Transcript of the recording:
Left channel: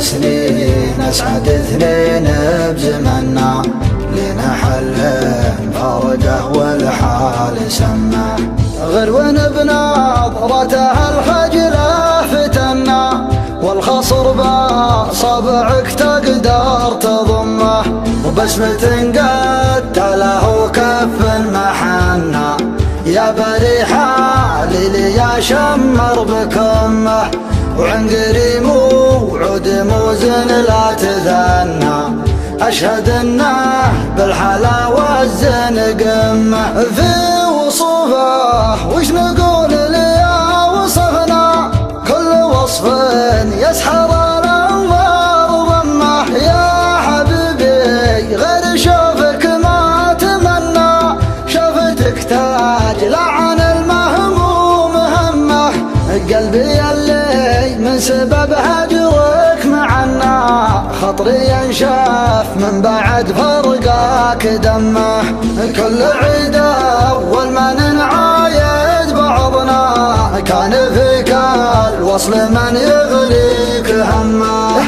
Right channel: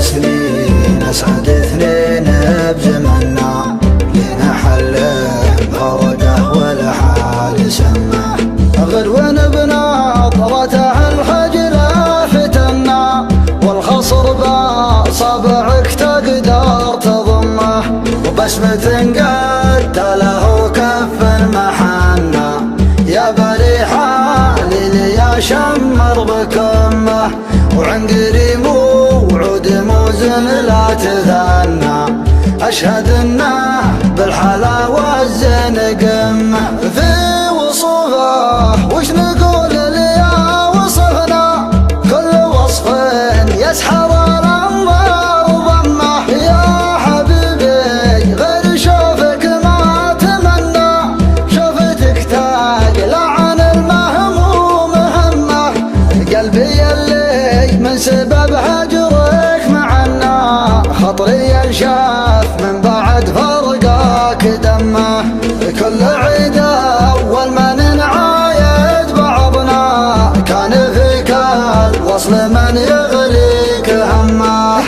سنين أسعد اثنين بزمنا، لنا حل موده والحال سماه. غلو بنظرته الخجلة فتنا، والخصر بصابعك تقدر تضمه، وبسمة قد له كف المحنة. يا بريحة لي يا شمر بكمه، وعنقري موعود موزن لا تثنى. أشهد انه بالحلا والزين قمه، في وصوفه وش نقول لي وصفنا، كل وصف يسحر وضمه. يا حبيبي غير شوفك ما تمنى، شوفتك تقلع عن المهموم همه. قلبي اللي من سبب هجرك معنا، خطري ينشف من بعد فرقاك دمه. كل عيد أول ما نعايد بعضنا، كان فيك الوصل من يغريك همه.